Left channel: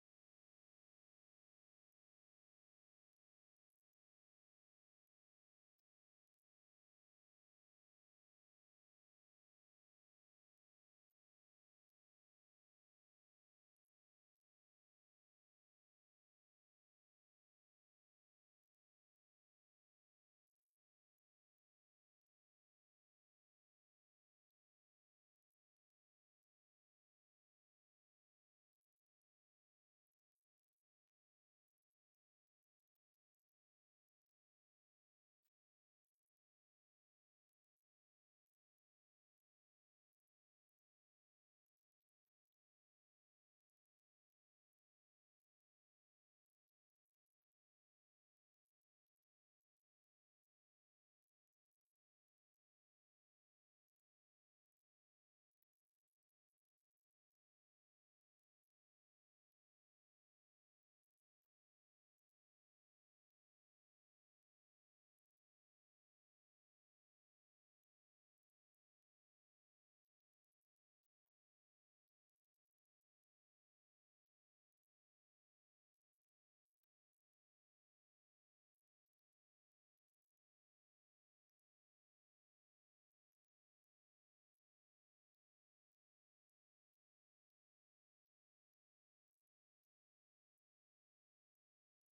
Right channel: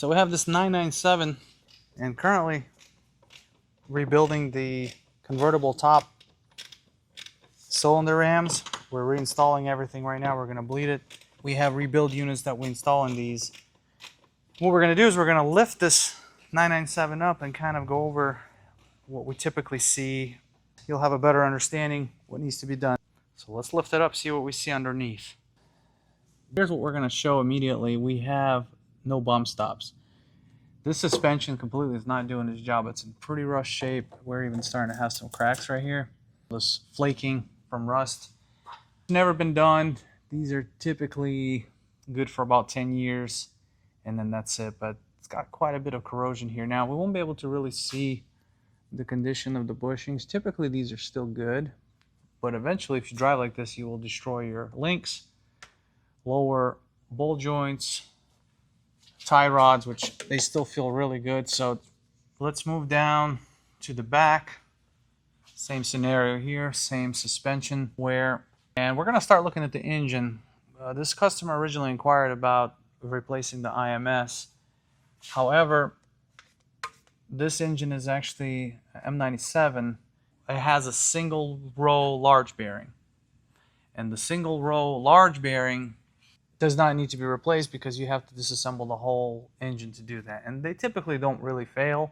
So we have this 997 and currently rebuilding the convertible top cylinder rams. We're reinstalling everything right now. We're going to bleed it. We have rebuild units that we install in these. What we're going to do is we're going to lift this 997 up and kind of go over what we typically see. You'll have a better understanding what needs to be done. So let's lift it up, see what we see underneath. Here's what we're going to show immediately. We have no bump stops. This suspension completely is not doing its job. It's in pretty rough shape. We're even starting to have some cracks right here. This flaking from rust. Never been done. These are typically good for about 10 years and then that's it. But it's got quite a bit of corrosion here. Now we won't be able to really see the condition of the bushings. Typically these are still good, but eventually if you drive like this you will destroy your links, lower ball joints, tie rods, which they still feel really good. So let's move down to the back. Same scenario here, same suspension wear, and we're going to start looking at the engine. This customer originally inquired about replacing the IMS. However, this engine is actually M97. It has a single row large bearing, and the single row large bearing does not need to be replaced because you have to disassemble the whole engine to do that, and they typically don't really fail.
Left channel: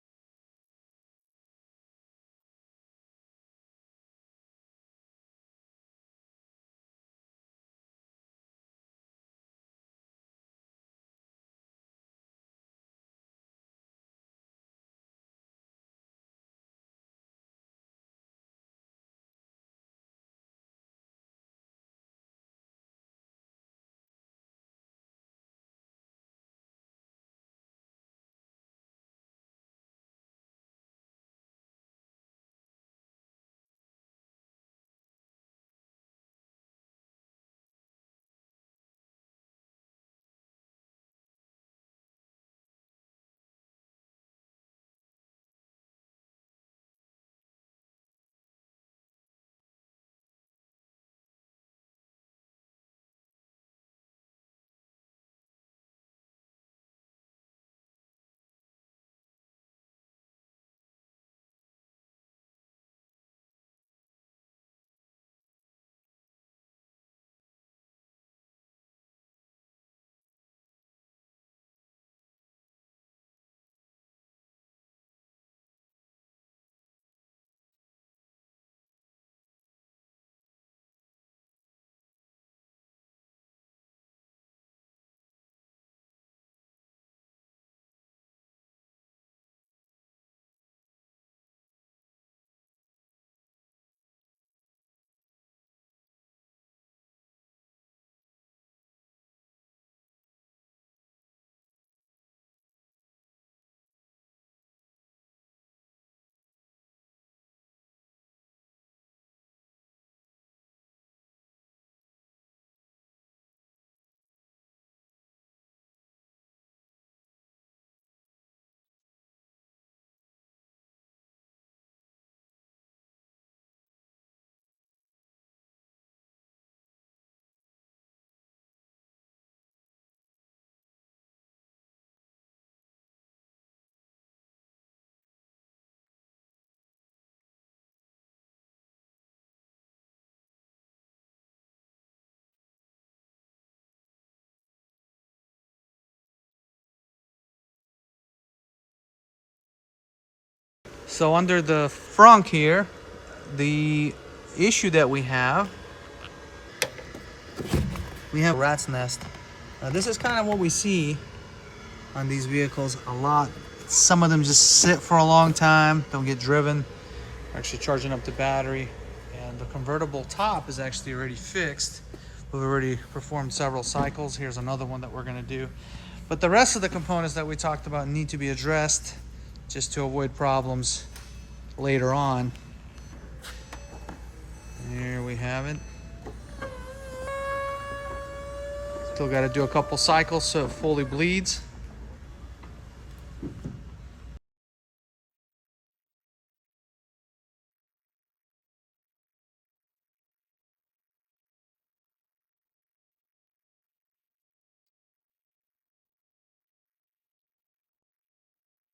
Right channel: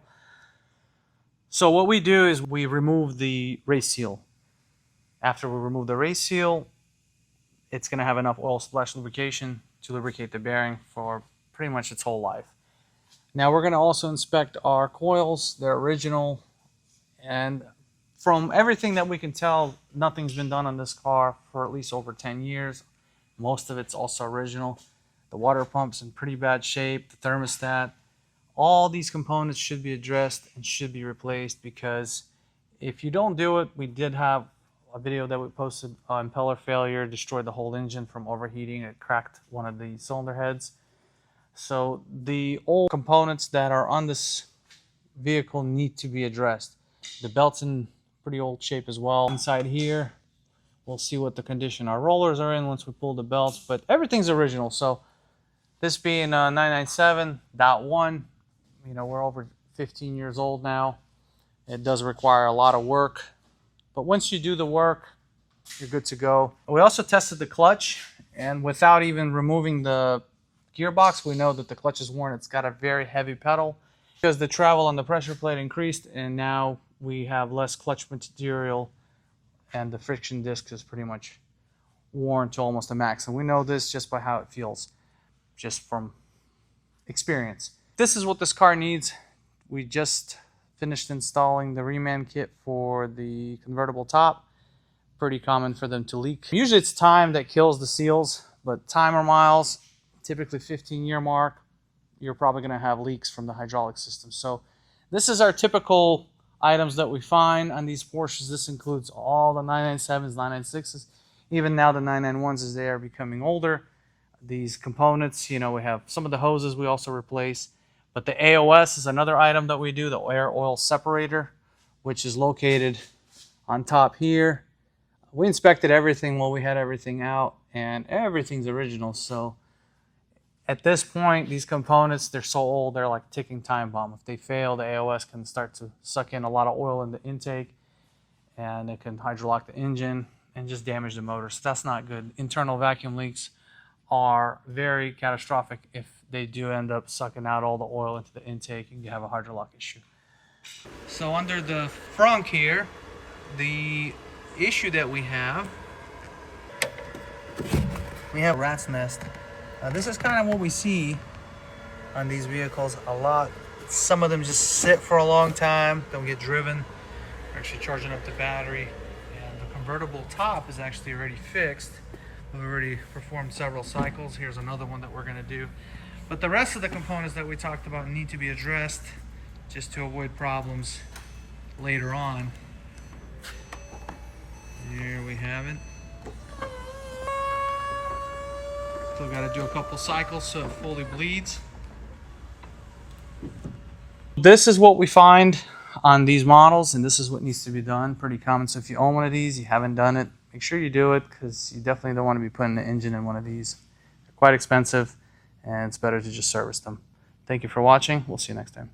So what we do is we remove the race seal. After we remove the race seal, it's going to have enough oil splash lubrication to lubricate the bearing for pretty much its whole life. Now we're going to also inspect our coils. They're original, and from everything that we can tell, nothing's been done on this car for at least over 10 years. Most of it's also original. The water pump's in pretty bad shape, the thermostat. All these components should be addressed and should be replaced, because if you don't do it, we did have a video that we posted on impeller failure, destroyed the whole engine from overheating. It cracked one of the cylinder heads. So the old components that are on this vehicle need to be addressed. The belt's in pretty old shape as well. Inside here, we'll see what the condition our rollers are in once we pull the belts, but everything's original. So this being 997.1, you know, we're over 15 years old now. It does require a lot of work, but once you do the work, you're good to go. We also tested the clutch, and without even removing the gearbox, we know that the clutch is worn. It's got a very heavy pedal because the travel on the pressure plate increased, and now we have less clutch material, and the friction disc is pretty much worn to almost a max. And we know this just by how it feels, just from experience. This is what this car needs. We just finished installing the reman kit for the convertible top. Pretty common for them to leak. Usually it's time that kills the seals, but timer miles, typically 15-year mark, you're probably going to have leaks from the hydraulic system. So this is our typical items that we find on these Porsches. This includes all the 997s, 996s, even now the 991s as they are becoming older. These components, you know, we have some of the hoses we also replace, but the AOS is another item that we do, the air oil separator, which is located on top here. We inspected everything while we had everything out, and everything's original. So at this point, these components, they're so old, they're like a ticking time bomb. If they fail, the AOS can start to suck in a lot of oil in the intake, and it can hydrolock the engine and just damage the motor. So that's not good. Internal vacuum leaks are very catastrophic if they do end up sucking out all the oil into the intake and you have a hydrolock issue. So under the frunk here, the issue that we have a rat's nest. This is kind of what we see on these vehicles a lot. Some of them just sit for a long time, don't get driven. We're actually charging up the battery, and the convertible top is actually already fixed. We've already performed several cycles. Here's another one that we're going to do. But the rest of the components that we talked about need to be addressed just to avoid problems later on. There we have it. Still got to do a couple cycles so it fully bleeds. This is what we find on these models, and this is what needs to be done. Pretty common. So if you own one of these, you haven't done it, make sure you do it, because you definitely don't want to be putting the engine in one of these. They're quite expensive, and it's better to just service them. Thank you for watching. We'll see you next time.